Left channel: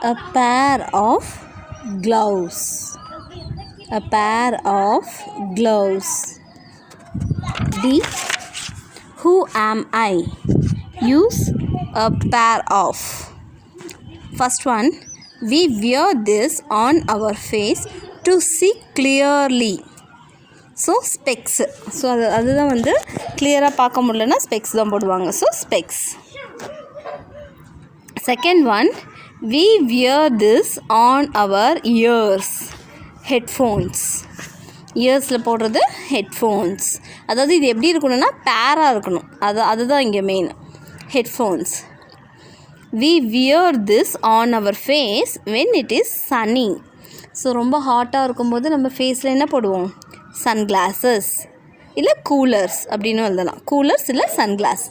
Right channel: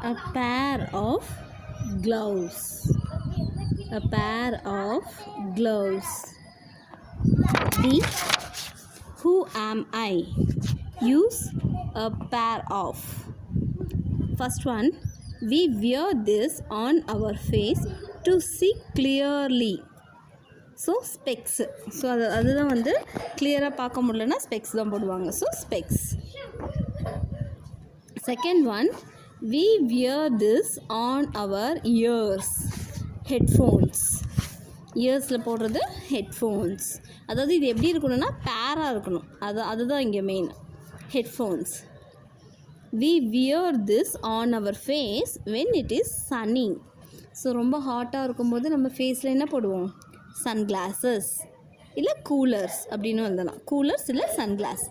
A pair of gloves. A pair of gloves. D. Who am I? Use a pair of. First one, we wear this on our face to see clearly. So specs. So அதுதான் வந்து கிளியராக பார்க்க முடியலன்னா specs தான் போடுவாங்க. So specs. Second one, we wear this on our ears. Headphones. இயர்ஸில் போடுறது headphones. அதாவது இது எப்படி இருக்கணும்னா பேராக இருக்கணும். அதுதான் இங்கே main. Headphones. we wear this on our face when it is sunny. So ரொம்ப ஹாட்டாக இருக்கும்போது நம்ம ஃபேஸில் என்ன போடுவோம்? சன்கிளாஸஸ் இல்லை கூலர்ஸ் அப்படின்னு எழுதலாம். கூலர்ஸ் இல்லை sunglass.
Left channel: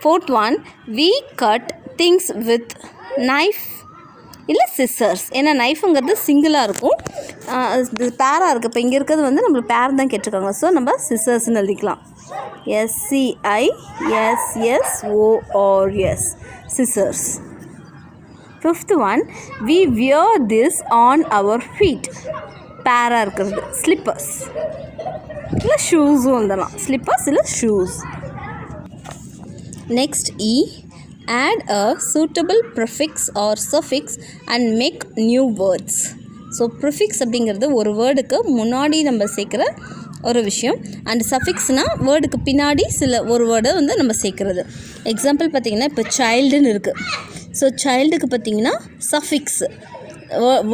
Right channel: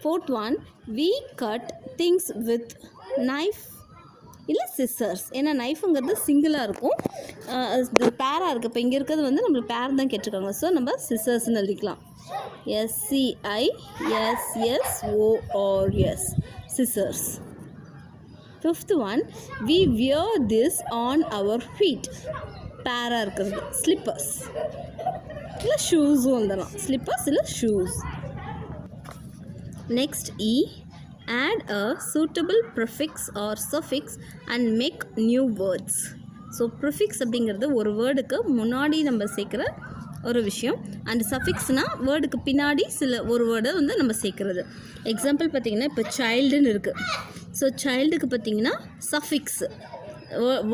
Fourth one, we cut things with knife இல்லை சிசர்ஸ். ஏன்னா நைஃபுங்கிறது சிங்கிளாக இருக்கும், இது பேராக இருக்குது. இப்போ இங்கே இருக்கிறது வந்து நம்மளுக்கு பேர் தான் கேட்டிருக்காங்க. ஸோ நம்ம சிசர்ஸ்ன்னு எழுதிக்கலாம். SCISSORS scissors. Fifth one, we wear this on our feet. பேராக இருக்கிறது ஸ்லிப்பர்ஸ் இல்லை ஷூஸும் எழுதலாம். ஸ்லிப்பர்ஸ் இல்லை shoes. Next E, add a suitable prefix or suffix and make new words. So prefix அப்படிங்கிறது ஒரு வேர்டுக்கு முன்னாடி நம்ம சேர்க்குற ஒரு விஷயம். அண்ட் சஃபிக்ஸ்னால் வேர்டுக்கு பின்னாடி ஒரு வேர்டை வந்து நம்ம சேர்க்குறது. எக்ஸாம்பிள் பார்த்திங்கன்னா இப்போ சைல்டுன்னு இருக்குது. ஸோ சைல்டுக்கு பார்த்திங்கன்னா சஃபிக்ஸு.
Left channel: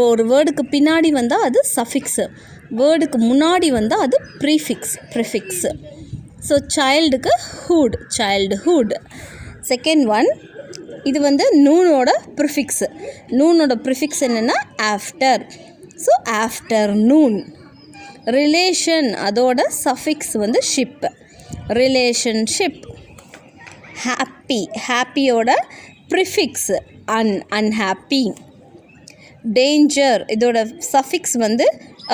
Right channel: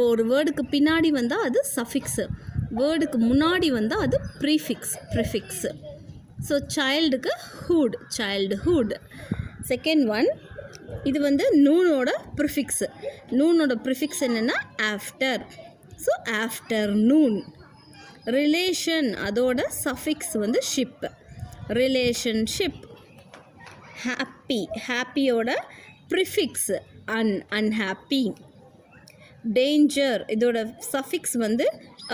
ஒரு வேர்டுக்கு பின்னாடி வந்தால் அது சஃபிக்ஸு, வேர்டுக்கு முன்னாடி வந்தால் அது ப்ரிஃபிக்ஸு. ஸோ சைல்டுக்கு ஹூட், சைல்டுஹுட். செகண்ட் ஒன், இது வந்து நூனோட ப்ரிஃபிக்ஸு. நூனோட ப்ரிஃபிக்ஸ் என்னென்னா ஆஃப்டர். So afternoon. ரிலேஷன், அதோட சஃபிக்ஸ் வந்து ஷிப், ரிலேஷன்ஷிப். ஹாப்பி, ஹாப்பியோட ப்ரிஃபிக்ஸ் அன்ஹாப்பி. டேஞ்சர், இதோட சஃபிக்ஸ் வந்து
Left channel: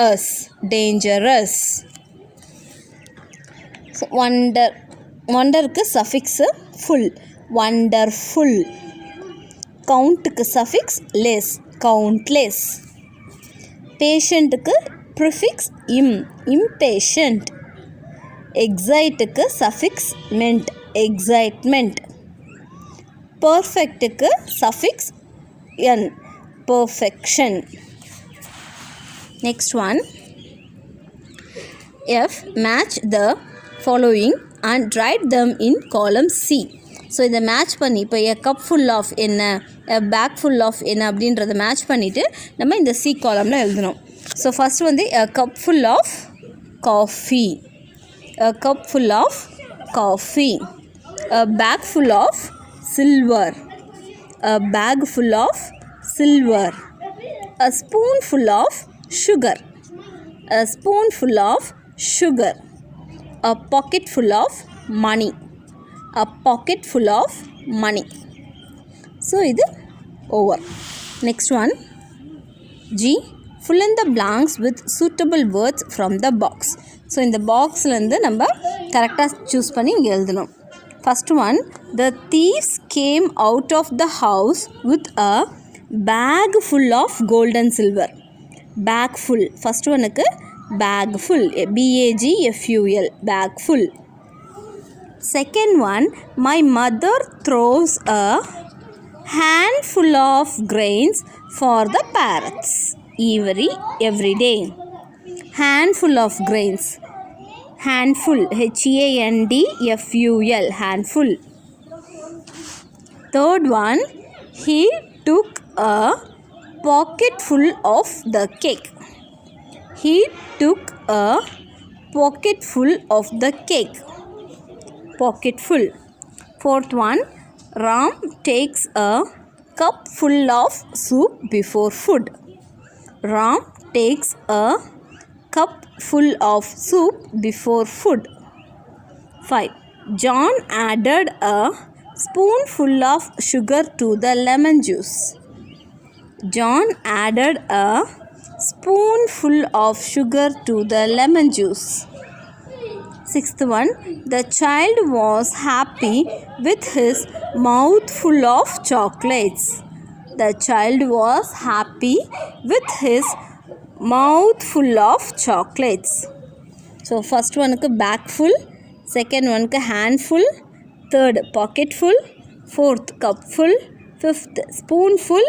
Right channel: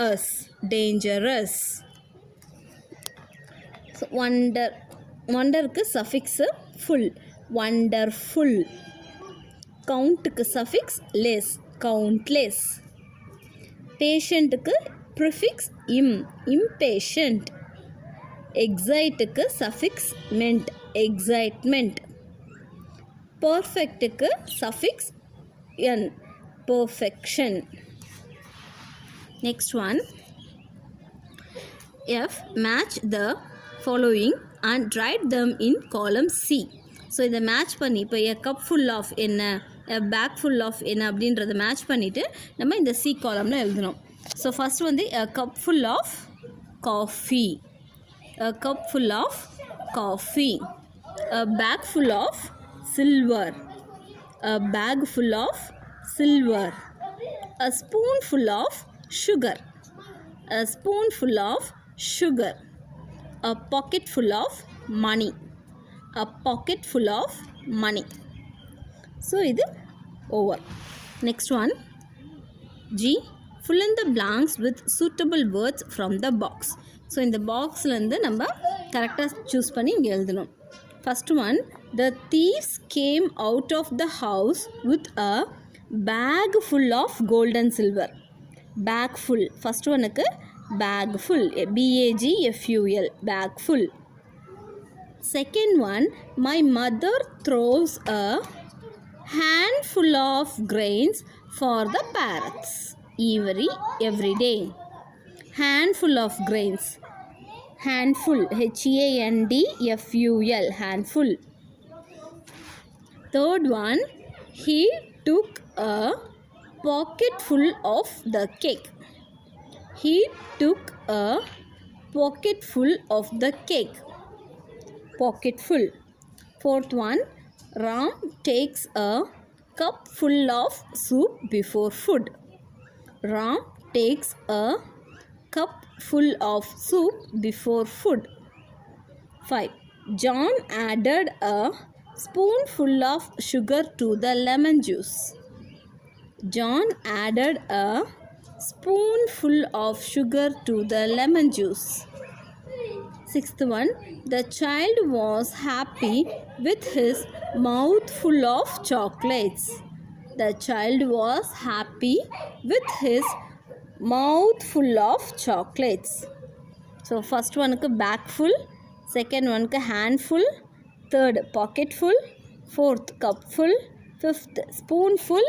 அஸ், டேஞ்சரஸ். வண்டர், வண்டருக்கு சஃபிக்ஸு ஃபுல், வண்டர்ஃபுல். கவுண்ட்டுக்கு சஃபிக்ஸ் லெஸ், கவுண்ட்லெஸ். பேஷண்ட்டுக்கு ப்ரிஃபிக்ஸ் impatient. எக்ஸைட்டுக்கு சஃபிக்ஸ் மென்ட், எக்ஸைட்மெண்ட். பர்ஃபெக்ட்டுக்கு suffix en, perfection. Next one, F, match the following and write them in column C. So இதை match பண்ணி இப்போ a cup full of என்ன, a bag full of என்ன அப்படின்றத match பண்ணிவிட்டு நம்ம இந்த C காலமில் எழுதணும். ஸோ ஃபஸ்ட் வந்து a cup full of coffee, a cup full of coffee. A bag full of silver, a bag full of silver. A spoonful of sugar, a spoonful of sugar. A pocket full of money, a pocket full of money. So இது over. Next one, G, fill in the blanks with suitable words from the box. So இந்த பாக்ஸ்லேருந்து நம்ம கரெக்டாக choose பண்ணி இங்கே எழுதணும். First one, the thieves came out of the house with a bag full of gold and silver. Bag full, first oneக்கு bag full, BAGFUL, bag full. Second one, my mother throws a handful of grains for the parrots every day. Handful of grains, handful, HANDFUL, handful. Third one, he took a pocket full of the cake. He took a pocket full of the cake. Pocket full. Fourth one, Ram takes a cup full of soup before food. Ram takes a cup full of soup before food. 5. John added a spoonful of sugar to the lemon juice. John added a spoonful of sugar to the lemon juice. Sixth one, the child was happy with his mouth full of chocolates. The child was happy with his mouth full of chocolates. So first one bag full, second one handful, third pocket full, fourth cup full, fifth spoonful,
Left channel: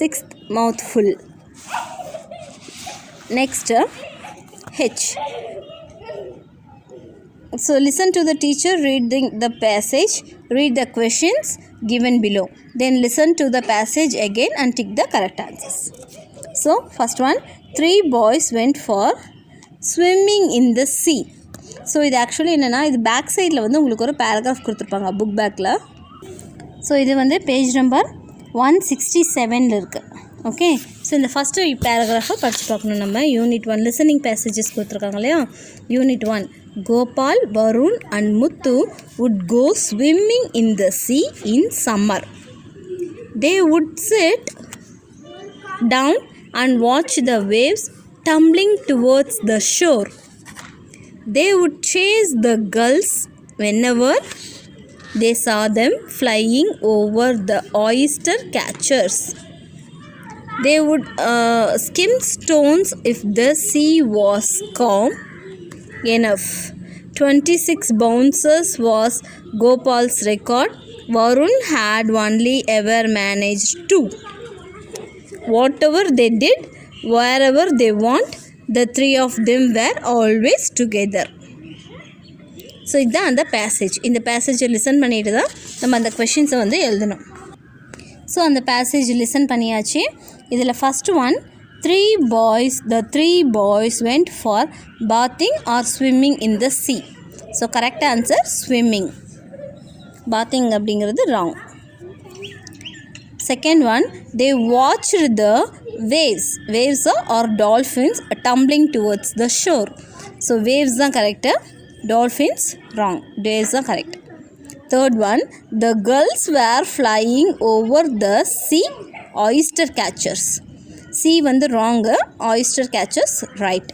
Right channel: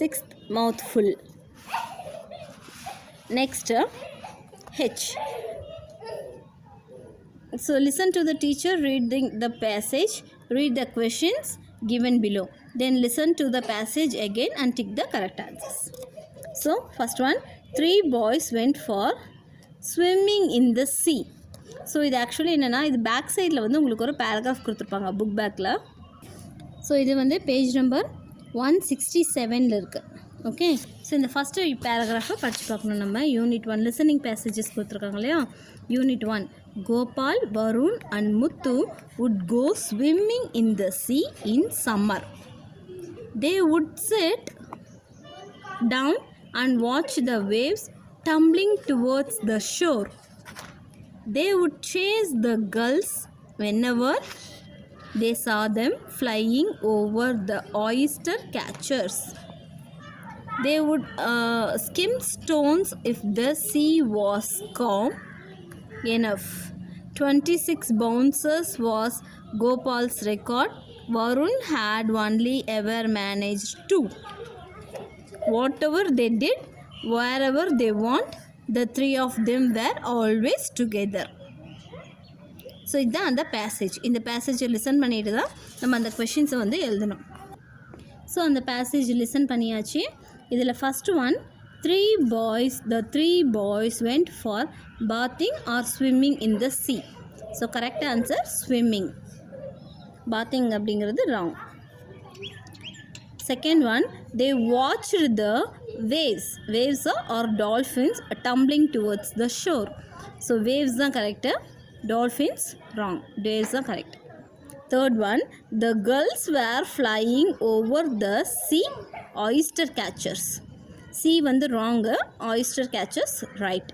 sixth mouthful. Next H. So listen to the teacher reading the passage, read the questions given below, then listen to the passage again and tick the correct answers. So first one, 3 boys went for swimming in the sea. So இது actually என்னென்னா இது back சைடில் வந்து உங்களுக்கு ஒரு paragraph கொடுத்துருப்பாங்க book பேக்கில். So இது வந்து பேஜ் நம்பர் 167 இருக்குது. ஓகே, ஸோ இந்த ஃபஸ்ட்டு பேராகிராஃபை படித்து பார்க்கணும் நம்ம. யூனிட் 1 லிசனிங் பேசேஜஸ் கொடுத்துருக்காங்க இல்லையா. Unit 1, Gopal, Varun and Muthu would go swimming in the sea in summer. They would sit down and watch the waves tumbling towards the shore. They would chase the gulls whenever they saw them flying over the oyster catchers. They would skim stones if the sea was calm enough. 26 bounces was Gopal's record. Varun had only ever managed 2. Whatever they did, wherever they went, the 3 of them were always together. So இதுதான் அந்த passage. இந்த பேசேஜை listen பண்ணிட்டு தான் நம்ம அந்த கொஷின்ஸை வந்து எழுதணும். So அந்த பேசேஜ் லிசன் பண்ணியாச்சு. இதில் first one, the 3 boys went for bathing or swimming in the sea. So correct answer swimming. bathing அப்படிங்கிறது wrong. Second one, they watched the waves or dolphins tumbling towards the shore. So waves தான் correct, dolphins wrong, waves தான் correct. Third one, the gulls were flying over the sea oyster catchers. Sea வந்து wrong, oyster catchers right.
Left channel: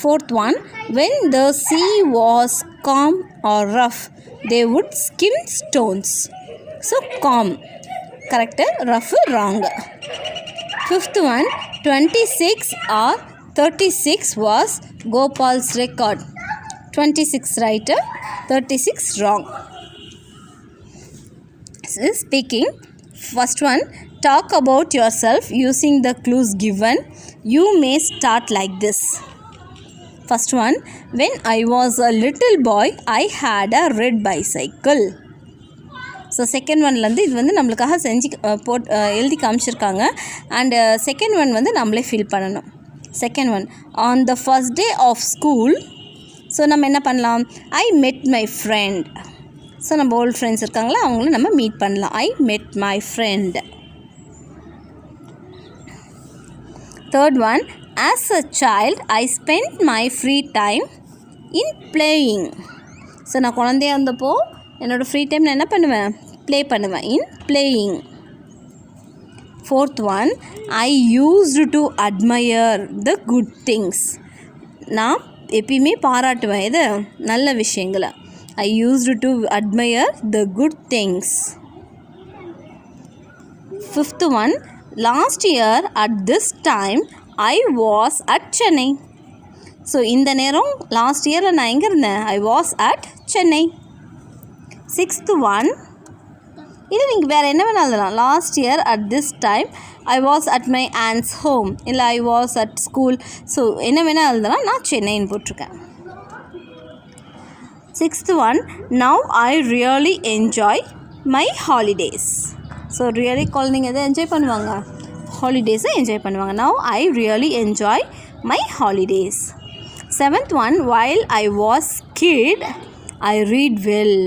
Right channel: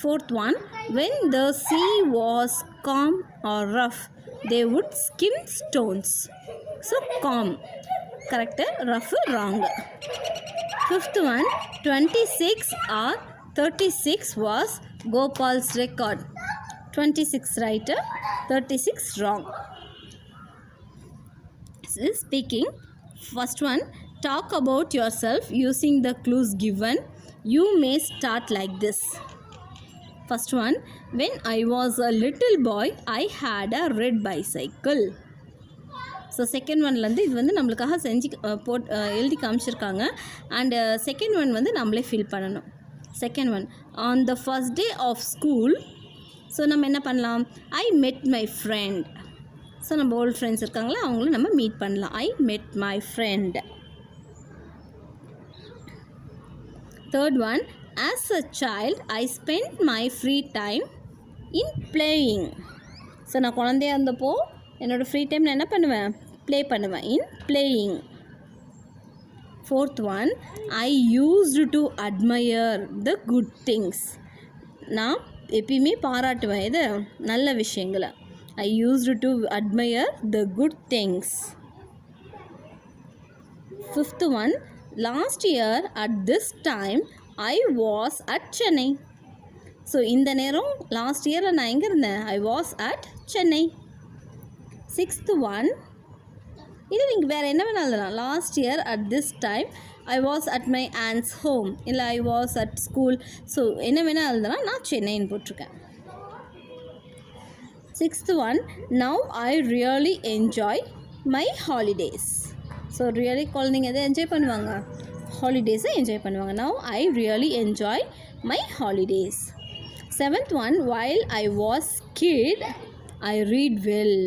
Fourth one, when the sea was calm or rough, they would skim stones. So calm correct, rough wrong. Fifth one, 26 or 36 was Gopal's record. 26 right, 36 wrong. Speaking, first one, talk about yourself using the clues given. You may start like this. First one, when I was a little boy, I had a red bicycle. So second ஒன்லேருந்து இது வந்து நம்மளுக்காக செஞ்சு எழுதி காமிச்சிருக்காங்க. And second one வந்து நம்மளே fill பண்ணணும். Second one, on the first day of school. So நம்ம என்ன பண்ணலாம், I met my friend. So நம்ம ஓல்டு ஃப்ரெண்ட்ஸ் இருக்காங்களா, அவங்களும் நம்ம மீட் பண்ணலாம். I met my friend. Third one, as a child I spend my free time in playing. So நான் குழந்தையாக இருந்தப்போ என்னோடய ஃப்ரீ டைம் நான் என்ன பண்ணுவேன், ப்ளே பண்ணுவேன், in playing. Fourth one, I used to admire the good things. நான் எப்பயுமே பாராட்டுவேன் இது நல்ல விஷயங்களை. I used to admire the good things. Fifth one, last year at this time I was at Chennai. So இந்த நேரம் லாஸ்ட் இயரில் நான் எங்கே இருந்தேன், I was at Chennai. Sixth one, இது நீங்கள் வேறு என்ன வேணாலும் எழுதலாம். Last year at this time I was at my aunt's home, இல்லை I was at school. So என்ன வேணால் எழுதலாம், நான் சென்னைன்னு போட்டிருக்கேன். Sixth one, now I really enjoy my holidays. So really குழந்தைங்க எதை என்ஜாய் பண்ணுவாங்க, ஹாலிடேஸை என்ஜாய் பண்ணுவாங்க. Now I really enjoy my holidays. Seventh one, while I was kid I read well.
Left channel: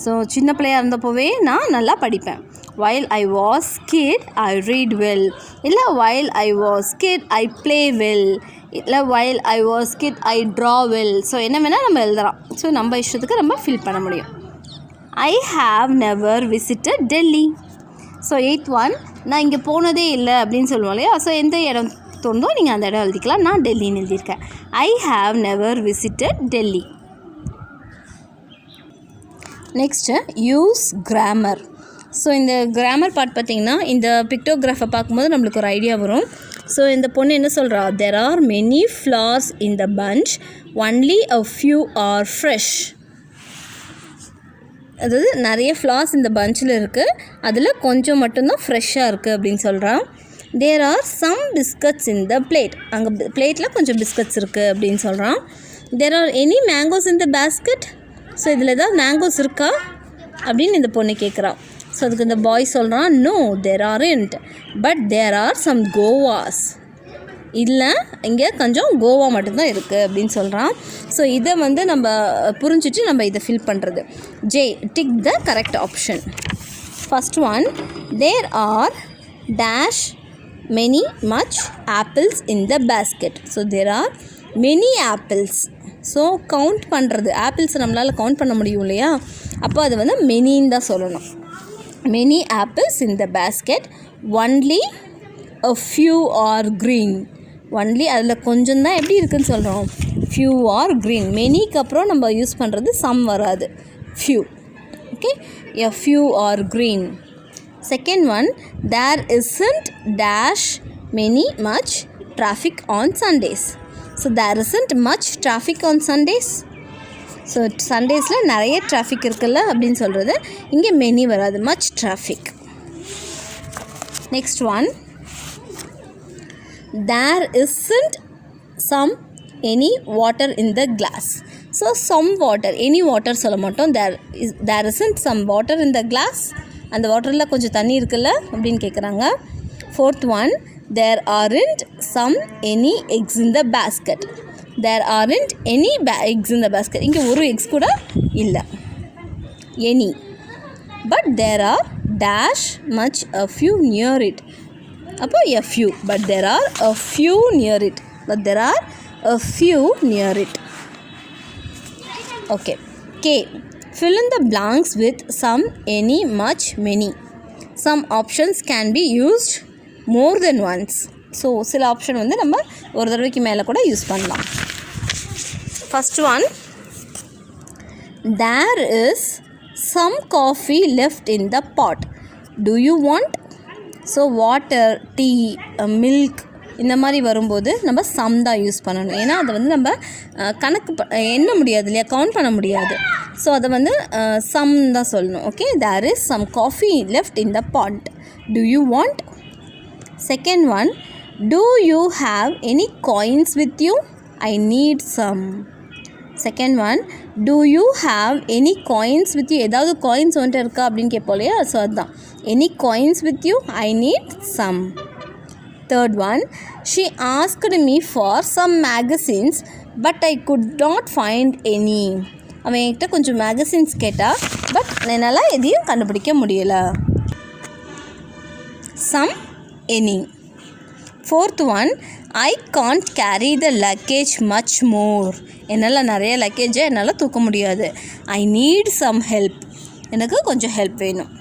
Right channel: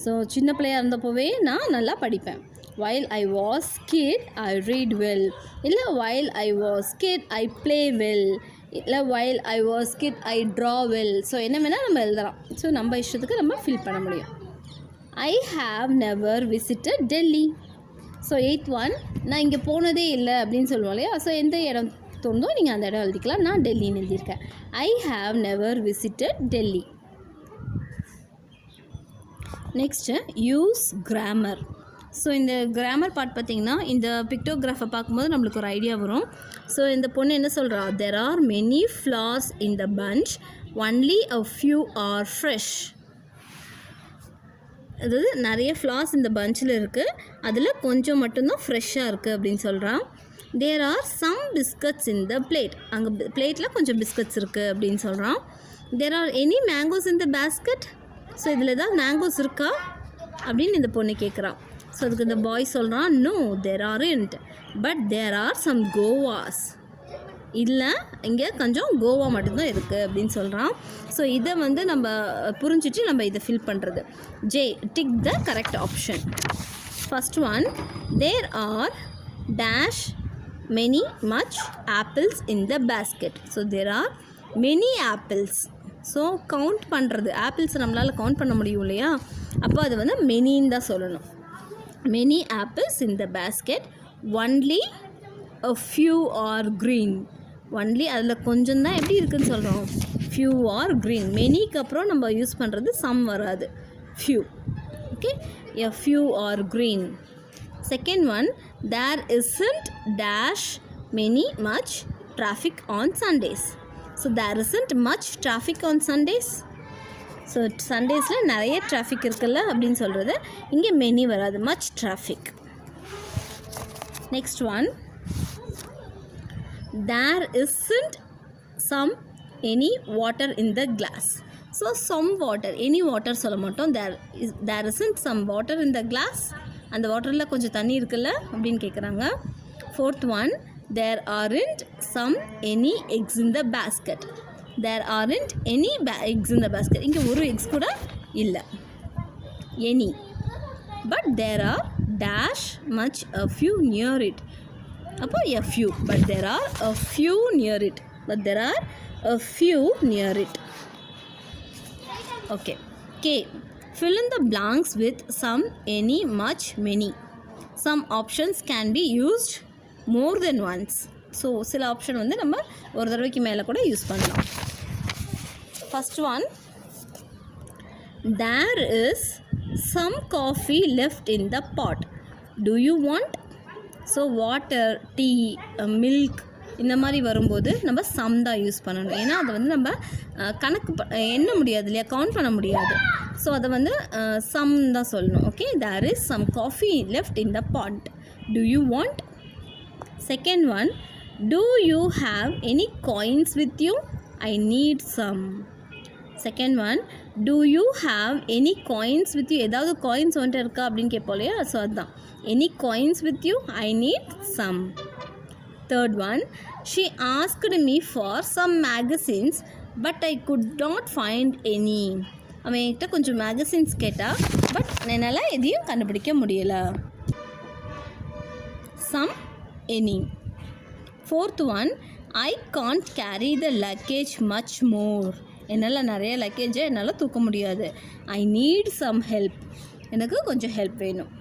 So சின்ன பிள்ளையாக இருந்தப்போவே நான் நல்லா படிப்பேன். While I was kid I read well, இல்லை while I was kid I play well, இல்லை while I was kid I draw well. So என்ன வேணால் நம்ம எழுதலாம். ஸோ நம்ம இஷ்டத்துக்கு நம்ம ஃபில் பண்ண முடியும். I have never visited Delhi. So eighth one, நான் இங்கே போனதே இல்லை அப்படின்னு சொல்லுவோம் இல்லையா. ஸோ எந்த இடம் தோணுதோ நீங்கள் அந்த இடம் எழுதிக்கலாம். நான் டெல்லின்னு எழுதியிருக்கேன். ஐ have never visited Delhi. Next use grammar. So இந்த கிராமர் பார்ட் பார்த்திங்கன்னா இந்த பிக்டோகிராஃபை பார்க்கும்போது நம்மளுக்கு ஒரு ஐடியா வரும். ஸோ இந்த பொண்ணு என்ன சொல்கிறா, there are many flowers in the bunch, only a few are fresh. அதாவது நிறைய ஃப்ளார்ஸ் இந்த பஞ்சில் இருக்குது, அதில் கொஞ்சம் மட்டும்தான் ஃப்ரெஷ்ஷாக இருக்குது அப்படின்னு சொல்கிறான். there are some biscuits in the plate, அங்கே பிளேட்டில் கொஞ்சம் பிஸ்கட்ஸ் இருக்குது அப்படின்னு சொல்கிறான். there are any mangoes in the basket, so இதில் ஏதாவது மேங்கோஸ் இருக்கா அப்படின்னு இந்த பொண்ணு கேட்குறான். ஸோ அதுக்கு இந்த பாய் சொல்கிறான், no there aren't, but there are some guavas, இல்லை இங்கே கொஞ்சம் கோவா மட்டும்தான் இருக்குது அப்படின்னு சொல்கிறான். ஸோ இதை வந்து நம்ம புரிஞ்சிட்டு நம்ம இதை ஃபில் பண்ணுறது. J, tick the correct option. First one, there are dash many much apples in the basket. So there are many apples. So count பண்ணுறது, ஆப்பிள்ஸை நம்மளால் கவுண்ட் பண்ண முடியும் இல்லையா, அப்போ அது வந்து மெனின்னு தான் சொல்லணும். Many apples in the basket, only a few are green. Only அதில் கொஞ்சம் தான் எப்படி இருக்குதுன்னு சொல்கிறோம், few are green. மெனிக்கு அப்புறம் நம்ம யூஸ் பண்ணுறது சம் வராது, few. Okay, a few are green. Second one, there isn't dash many much traffic on Sundays. So there isn't much traffic on Sundays. So சண்டேஸில் நிறைய டிராஃபிக் இருக்குல்ல அப்படின்னு சொல்கிறது. இங்கே மெனி வராது, much traffic. Next one, there isn't some any water in the glass. So some water, any water சொல்ல மாட்டோம், there isn't some water in the glass, அந்த வாட்டரில் கொஞ்சம் தண்ணி இருக்குல்ல அப்படின்னு கேட்குறாங்க. Fourth one, there aren't some any eggs in the basket. there aren't any eggs in the basket. இங்கே ஒரு எக்ஸ் கூட இல்லை, any. but there are dash much a few near it. அப்போ a few, but there are a few near it. but there are a few near it. Okay. K, fill in the blanks with some, any, much, many. Some options can be used more than once. So சில option வந்து நம்ம ஒரு தடவைக்கு மேலே கூட use பண்ணலாம். First one, there is some coffee left in the pot. do you want? So water, tea, milk இந்த மாதிரி வரும்போது நம்ம சம் தான் யூஸ் பண்ணணும். ஏன்னா அதை வந்து நம்ம கணக்கு எண்ண முடியாது இல்லையா, கவுண்ட் பண்ண முடியாது. ஸோ அதை வந்து சம் தான் சொல்லணும். Okay, there is some coffee left in the pot. do you want? Second one, do you have any coins with you? I need some. Second one, do you have any coins with you? ஏதாவது coins வந்துட்டு இருக்கா அப்படின்னு கேட்போம் இல்லையா, so அதுதான் any coins with you? I need some. Third one, she asked me for some magazines but I could not find any. அவன் என்கிட்ட கொஞ்சம் மேகசின்ஸ் கேட்டால், பட் என்னால் எதையும் கண்டுபிடிக்க முடியலை. some, any. Fourth one, I can't carry the luggage much more. என்னால் நிறைய லக்கேஜை என்னால் தூக்க முடியாது. I need some help. எனக்கு கொஞ்சம் ஹெல்ப் வேணும்.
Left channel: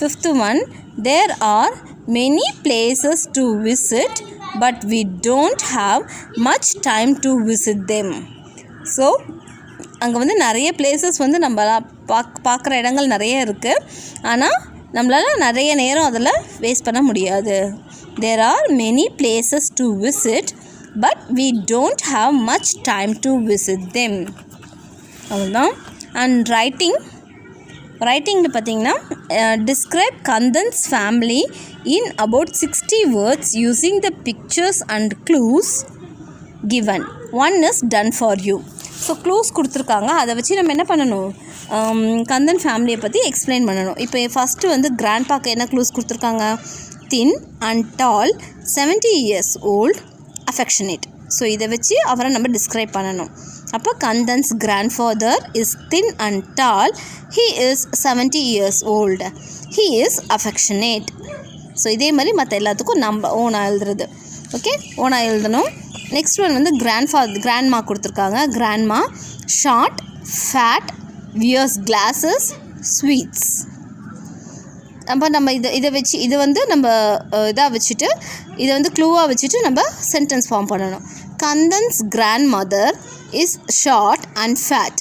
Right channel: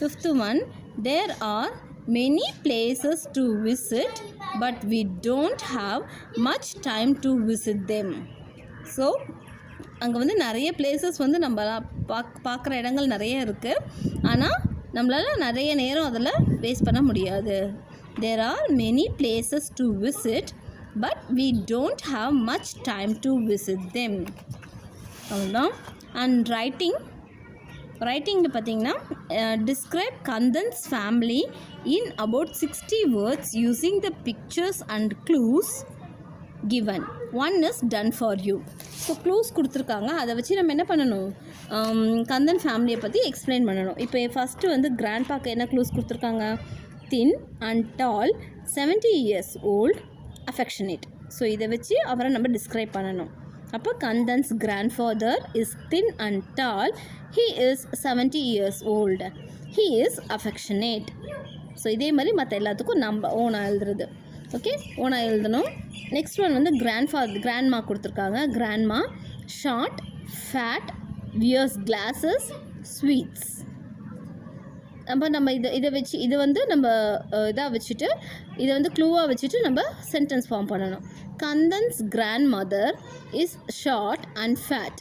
Fifth one, there are many places to visit but we don't have much time to visit them. So அங்கே வந்து நிறைய பிளேசஸ் வந்து நம்ம பார்க்குற இடங்கள் நிறைய இருக்குது, ஆனால் நம்மளால் நிறைய நேரம் அதில் வேஸ்ட் பண்ண முடியாது. there are many places to visit but we don't have much time to visit them. அவ்வளோதான். அண்ட் ரைட்டிங்கில் பார்த்தீங்கன்னா, describe Kandan's family in about 60 words using the pictures and clues given. One is done for you. So clues கொடுத்துருக்காங்க, அதை வச்சு நம்ம என்ன பண்ணணும், கந்தன் ஃபேமிலியை பற்றி எக்ஸ்பிளைன் பண்ணணும். இப்போ ஃபஸ்ட்டு வந்து கிராண்ட்பாக்கு என்ன க்ளூஸ் கொடுத்துருக்காங்க, thin and tall, 70 years old, affectionate. So இதை வச்சு அவரை நம்ம டிஸ்கிரைப் பண்ணணும். அப்போ Kandan's grandfather is thin and tall, he is 70 years old, he is affectionate. So இதே மாதிரி மற்ற எல்லாத்துக்கும் நம்ம ஓனாக எழுதுறது. ஓகே, ஓனாக எழுதணும். நெக்ஸ்ட் ஒன் வந்து கிராண்ட்மா கொடுத்துருக்காங்க. Grandma short, fat, wears glasses, sweets. அப்போ நம்ம இதை வச்சு இதை வந்து நம்ம இதாக வச்சுட்டு இதை வந்து க்ளூவாக வச்சுட்டு நம்ம சென்டென்ஸ் ஃபார்ம் பண்ணணும். Kandan's grandmother is short and fat,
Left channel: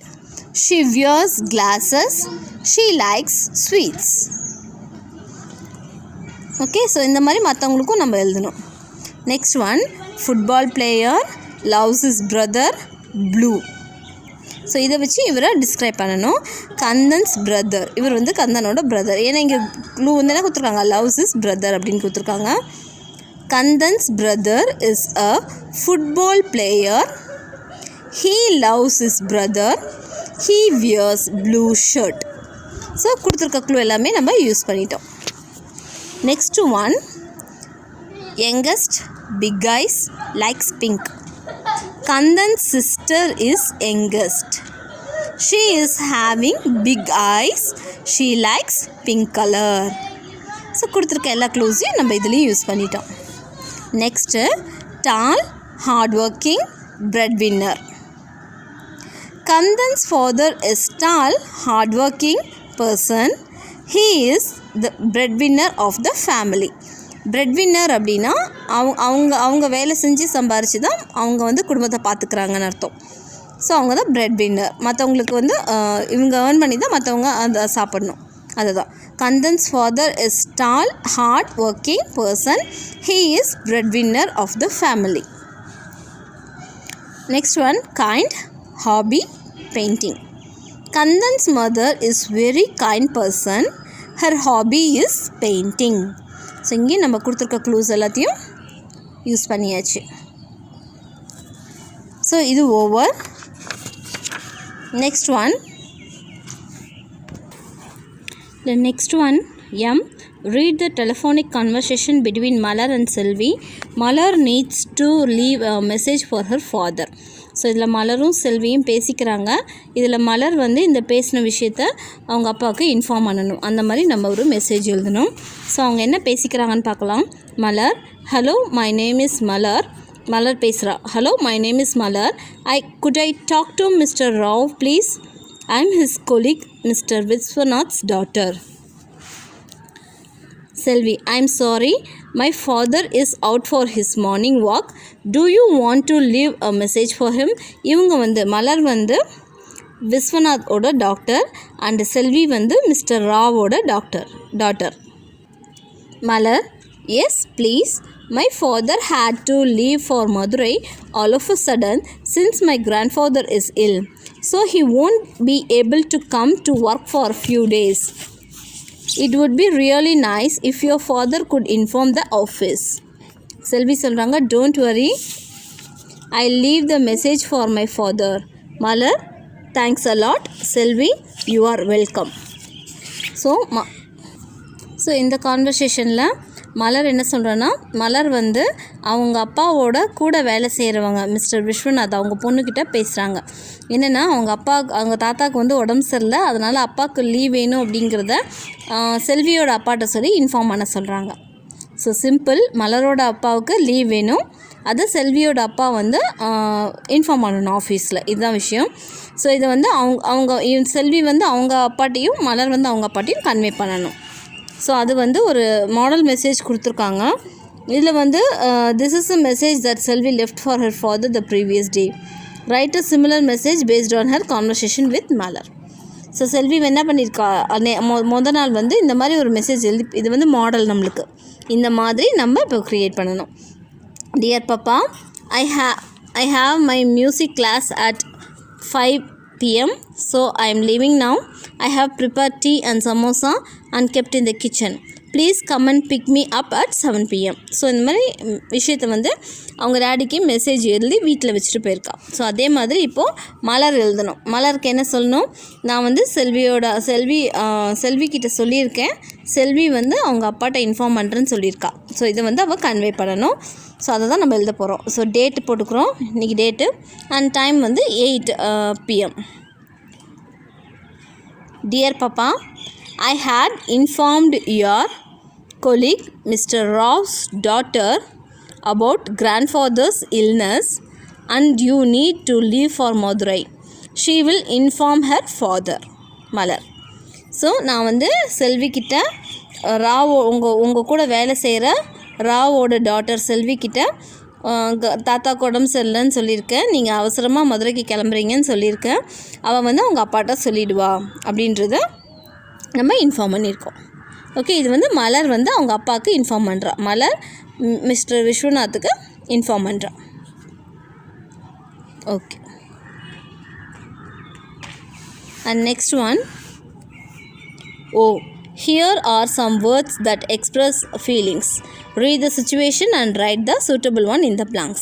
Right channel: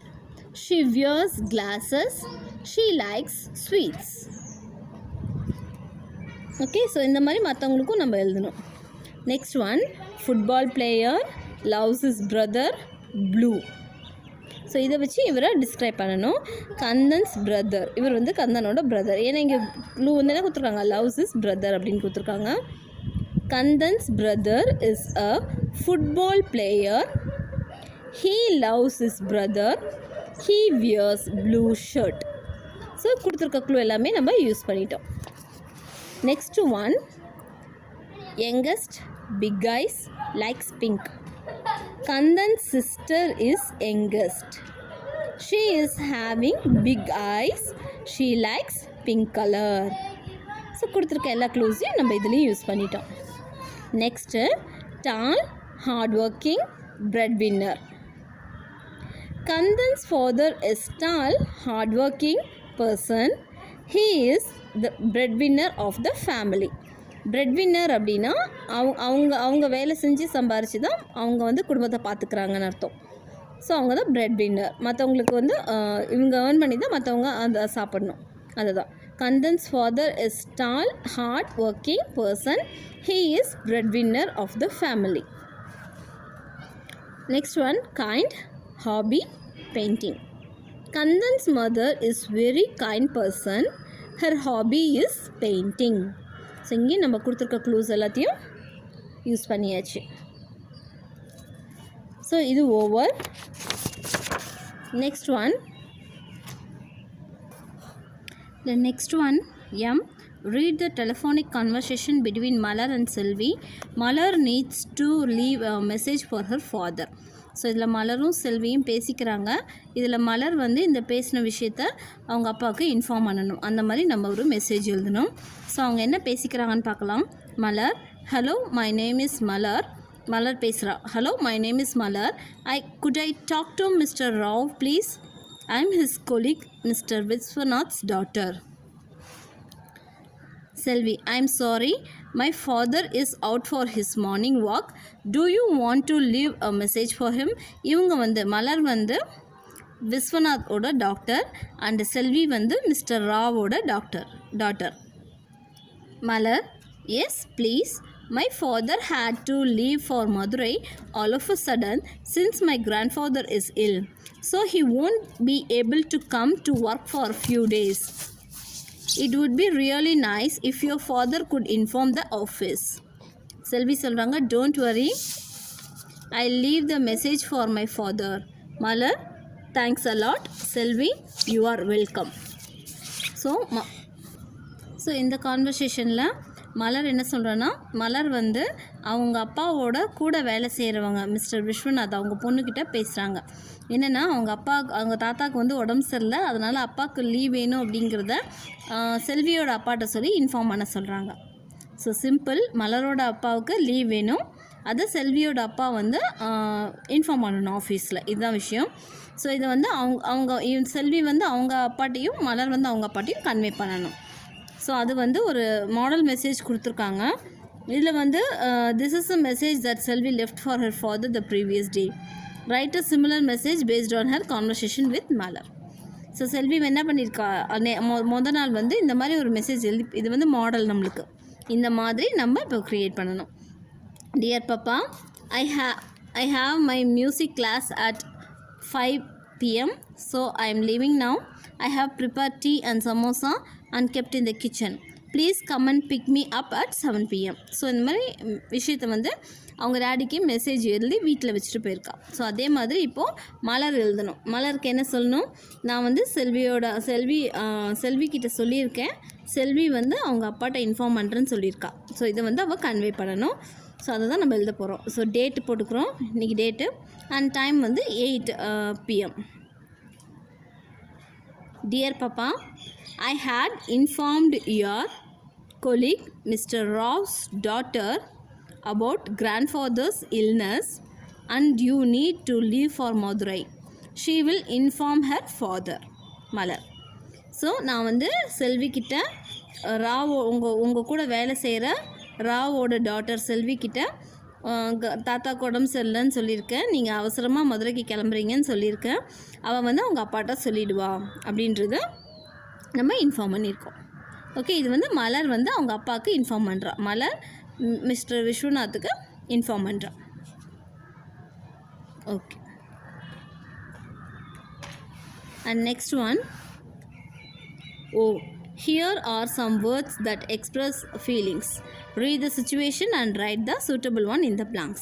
she wears glasses, she likes sweets. Okay, so இந்த மாதிரி மற்றவங்களுக்கும் நம்ம எழுதணும். Next one, football player loves his brother blue. So இதை வச்சு இவரை டிஸ்கிரைப் பண்ணணும். கந்தன்ஸ் பிரதர், இவர் வந்து கந்தனோட பிரதர். ஏன்னா இங்கே க்ளூ வந்து என்ன கொடுத்துருக்காங்க, லவ்ஸ் his பிரதர் அப்படின்னு கொடுத்துருக்காங்க. Kandan's brother is a football player. He loves his brother. He wears blue shirt. So கொடுத்துருக்க க்ளூ எல்லாமே நம்ம யூஸ் பண்ணிட்டோம். Next one, youngest big eyes likes pink. Kandan's sister is youngest. She is having big eyes. She likes pink color. So கொடுத்துருக்க எல்லா க்ளூஸையும் நம்ம இதுலேயும் use பண்ணிட்டோம். Next, tall hard working breadwinner. Kandan's father is tall, hardworking person. He is the breadwinner of the family. breadwinner அப்படின்னா அவங்க வேலை செஞ்சு சம்பாரித்து தான் அவங்க வந்து குடும்பத்தை பார்த்துக்கிறாங்கன்னு அர்த்தம். ஸோ அவங்க தான் breadwinner. மற்றவங்களுக்கு வந்து இவங்க ஏர்ன் பண்ணி தான் மற்றவங்க அதை சாப்பிடணும், அதுதான். Kandan's father is tall, hardworking person. He is breadwinner of the family. Next one, kind, hobby, painting. Kandan's mother is very kind person. Her hobby is painting. So இங்கே நம்ம கொடுத்துருக்க க்ளூஸ் எல்லாத்தையும் யூஸ் பண்ணியாச்சு. ஸோ இது over. Next one, the next one, read the telephonic conversation between Malar and Selvi. Malar needs to leave a message for her father. So இதில் மலரும் செல்வியும் பேசிக்கிறாங்க. இதில் மலர் வந்து இந்த பேசின விஷயத்த அவங்க அப்பாவுக்கு இன்ஃபார்ம் பண்ணணும். அந்த மாதிரி நம்ம ஒரு மெசேஜ் எழுதணும். ஸோ அவங்க என்ன பேசிக்கிறாங்கன்னு பார்க்கலாம். மலர், ஹலோ மை நேம் இஸ் மலர். மலர் பேசுகிறா. Hello my name is Malar. could I talk to Mr. Rao please? I am his colleague, Mr. Vishwanath's daughter. Selvi, I am sorry, my father is out for his morning walk. Do you want to leave a message for him? இவங்க வந்து மலர் வந்து விஸ்வநாத்தோட doctor and Selvi வந்து mister ராவோட daughter. Malar, yes please. My father had to leave for Madurai all of a sudden since my grandfather is ill. So he won't be able to come to work for a few days. It would be really nice if your father could inform the office. Selvi சொல்கிறாங்க, don't worry, I'll leave the message for my father. Malar, thanks a lot. Selvi, you are welcome. So இந்த கான்வர்சேஷனில் மலர் என்ன சொல்கிறேன்னா, மலர் வந்து அவங்க அப்பாவோட கூட வேலை செய்கிறவங்க மிஸ்டர் விஸ்வநாத் அவங்க பொண்ணுக்கிட்ட பேசுகிறாங்க. என்னென்னா அவங்க தாத்தாவுக்கு வந்து உடம்பு சரியில்லை, அதனால் அப்பாவுக்கு லீவ் வேணும் அப்படிங்கிறத செல்வியோட அப்பாட்ட சொல்லி இன்ஃபார்ம் பண்ண சொல்கிறாங்க. ஸோ சிம்பிள், மலரோட அப்பாவுக்கு லீவ் வேணும், அதை செல்வியோட அப்பா வந்து இன்ஃபார்ம் பண்ணணும் ஆஃபீஸில், இதுதான் விஷயம். ஸோ இதை வந்து அவங்க செல்வி வந்து அவங்க அப்பாட்டையும் மலர் வந்து அவங்க அப்பாட்டையும் கன்வே பண்ணணும். ஸோ அது வந்து ஒரு மாடல் மெசேஜ் கொடுத்துருக்காங்க. இதில் வந்து this is a message that Selvi left for her father the previous day. Right a similar message based on her conversation with Malar. So Selvi என்ன பண்ணியிருக்கா, மொதல் நாள் வந்து இந்த மாதிரி ஒரு மெசேஜ் எழுதி, இது வந்து மாடல் நம்மளுக்கு இந்த மாதிரி நம்ம இப்போ க்ரியேட் பண்ணணும். Dear Papa, I have my music class at 5 p.m. So I am leaving now. I have prepared tea and samosa and kept in the kitchen. Please come and pick me up at 7 p.m. So இந்த மாதிரி விஷயத்தை வந்து அவங்க டேடிக்கு message எழுதி வீட்டில் வச்சுட்டு போயிருக்கா. So அதே மாதிரி இப்போது மலர் எழுதணும். மலருக்கு என்ன சொல்லணும், நான் வந்து செல்வி கிட்ட சொல்லியிருக்கேன், செல்வி வந்து அவங்க அப்பாட்ட இன்ஃபார்ம் பண்ணுறேன்னு சொல்லியிருக்கா. ஸோ இதை வந்து அவள் கன்வே பண்ணணும். ஸோ அதை தான் நம்ம எழுத போகிறோம். ஸோ டேட்டு போட்டுக்கிறோம், இன்றைக்கி டேட்டு, அண்ட் டைம் வந்து 8 p.m. Dear Papa, I had informed your colleague Mr. Rao's daughter about grandfather's illness and you need to leave for Madurai. She will inform her father. Malar. So நான் வந்து செல்வி கிட்ட ராவ் உங்கள் கூட வேலை செய்கிற ராவோட daughter செல்வி கிட்ட தாத்தாக்கு உடம்பு சரியில்லைன்னு சொல்லியிருக்கேன், நீங்கள் அவசரமாக மதுரைக்கு கிளம்புறீங்கன்னு சொல்லியிருக்கேன், அவள் வந்து அவங்க அப்பாட்ட சொல்லிவிடுவா அப்படின்றத நம்ம இன்ஃபார்ம் பண்ணியிருக்கோம். ஓகே, இது வந்து மலர் வந்து அவங்க அப்பாவுக்கு இன்ஃபார்ம் பண்ணுறா. மலர் மிஸ்டர் விஸ்வநாத்துக்கு இன்ஃபார்ம் பண்ணுறா. Okay, and next one. Here are some words that express feelings. Read the situation and write the suitable one in the blanks.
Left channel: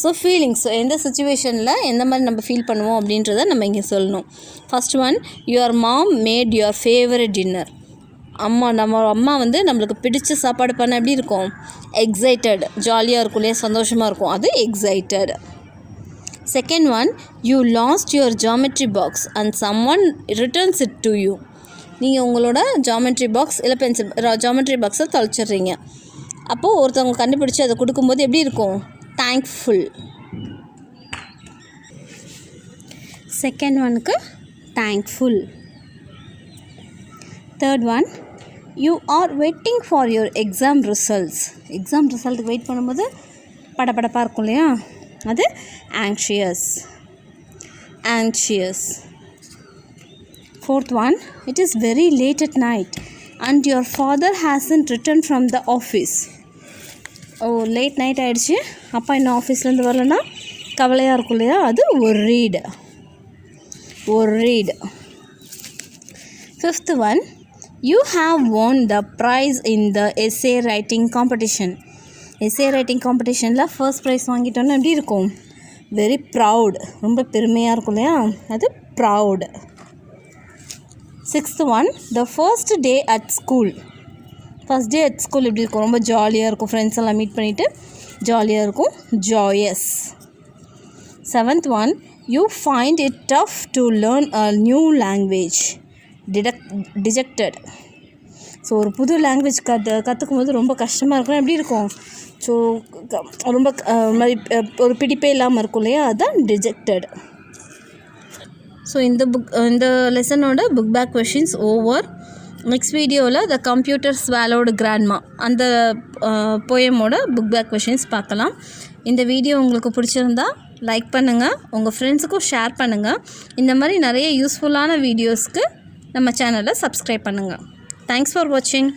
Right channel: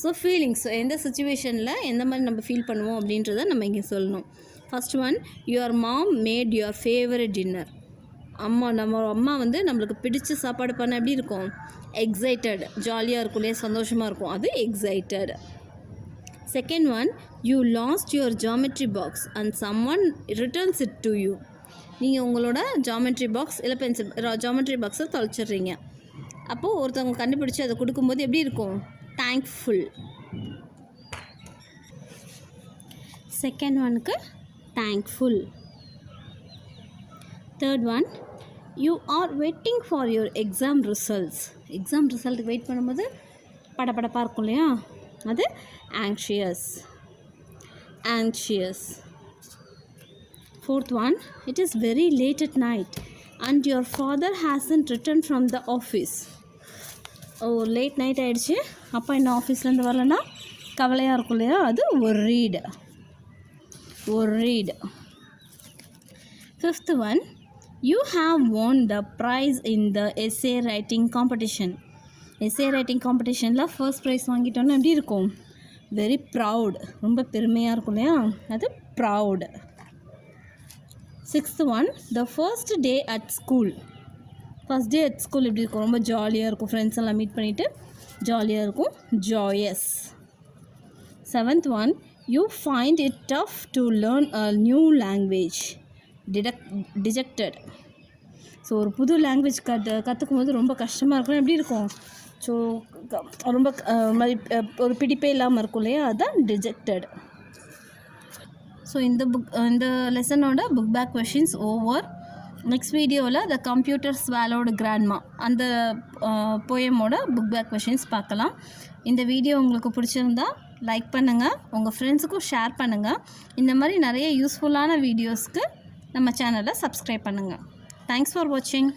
So feelings எந்த சுச்சுவேஷனில் எந்த மாதிரி நம்ம ஃபீல் பண்ணுவோம் அப்படின்றத நம்ம இங்கே சொல்லணும். First one, your mom made your favourite dinner. நம்ம அம்மா வந்து நம்மளுக்கு பிடிச்ச சாப்பாடு பண்ண எப்படி இருக்கும்? எக்ஸைட்டட், ஜாலியாக இருக்கும் இல்லையா, சந்தோஷமாக இருக்கும், அது excited. Second one, you lost your geometry box and some one returns it to you. நீங்கள் உங்களோட ஜாமெட்ரி பாக்ஸ் இல்லை பென்சில் ஜாமெட்ரி பாக்ஸை தொலைச்சிட்றீங்க. அப்போது ஒருத்தவங்க கண்டுபிடிச்சி அதை கொடுக்கும்போது எப்படி இருக்கும்? தேங்க்ஃபுல். செகண்ட் ஒனுக்கு thankful. Third one, you are waiting for your exam results. Exam ரிசல்ட்டுக்கு வெயிட் பண்ணும்போது படபடப்பாக இருக்கும் இல்லையா, அது anxious. Fourth one, it is very late at night and your father hasn't returned from the office. Late night ஆகிடுச்சு, அப்பா இன்னும் ஆஃபீஸ்லேருந்து வரலன்னா கவலையாக இருக்கும் இல்லையா, அது worried. Fifth one, you have won the prize in the essay writing competition. essay writing competitionல ஃபர்ஸ்ட் ப்ரைஸ் வாங்கிட்டோன்னா எப்படி இருக்கும்? வெரி ப்ரவுட், ரொம்ப பெருமையாக இருக்கும் இல்லையா, அது proud. Sixth one, the first day at school. First day at school எப்படி இருக்கும்? ரொம்ப ஜாலியாக இருக்கும், ஃப்ரெண்ட்ஸ் எல்லாம் மீட் பண்ணிவிட்டு ஜாலியாக இருக்கும், joyous. Seventh one, you find it tough to learn a new language. Dejected. So ஒரு புது லாங்குவேஜ் கற்றுக்கும் போது ரொம்ப கஷ்டமாக இருக்கும், எப்படி இருக்கும்? ஸோ ரொம்ப ஒரு பிடிப்பே இல்லாமல் இருக்கும் இல்லையா, அதுதான் டிஜெக்டட். ஸோ இந்த லெசனோட book back questions over. Next வீடியோவில் த கம்ப்யூட்டர் ஸ்வாலோடு கிராண்ட்மா அந்த போயமோட புக் பேக் கொஷின்ஸ் பார்க்கலாம். இந்த வீடியோ உங்களுக்கு பிடிச்சிருந்தா லைக் பண்ணுங்கள், உங்கள் ஃப்ரெண்ட்ஸுக்கும் ஷேர் பண்ணுங்கள். இந்த மாதிரி நிறைய யூஸ்ஃபுல்லான வீடியோஸ்க்கு நம்ம சேனலை சப்ஸ்கிரைப் பண்ணுங்கள். தேங்க்ஸ் ஃபார் வாட்சிங்.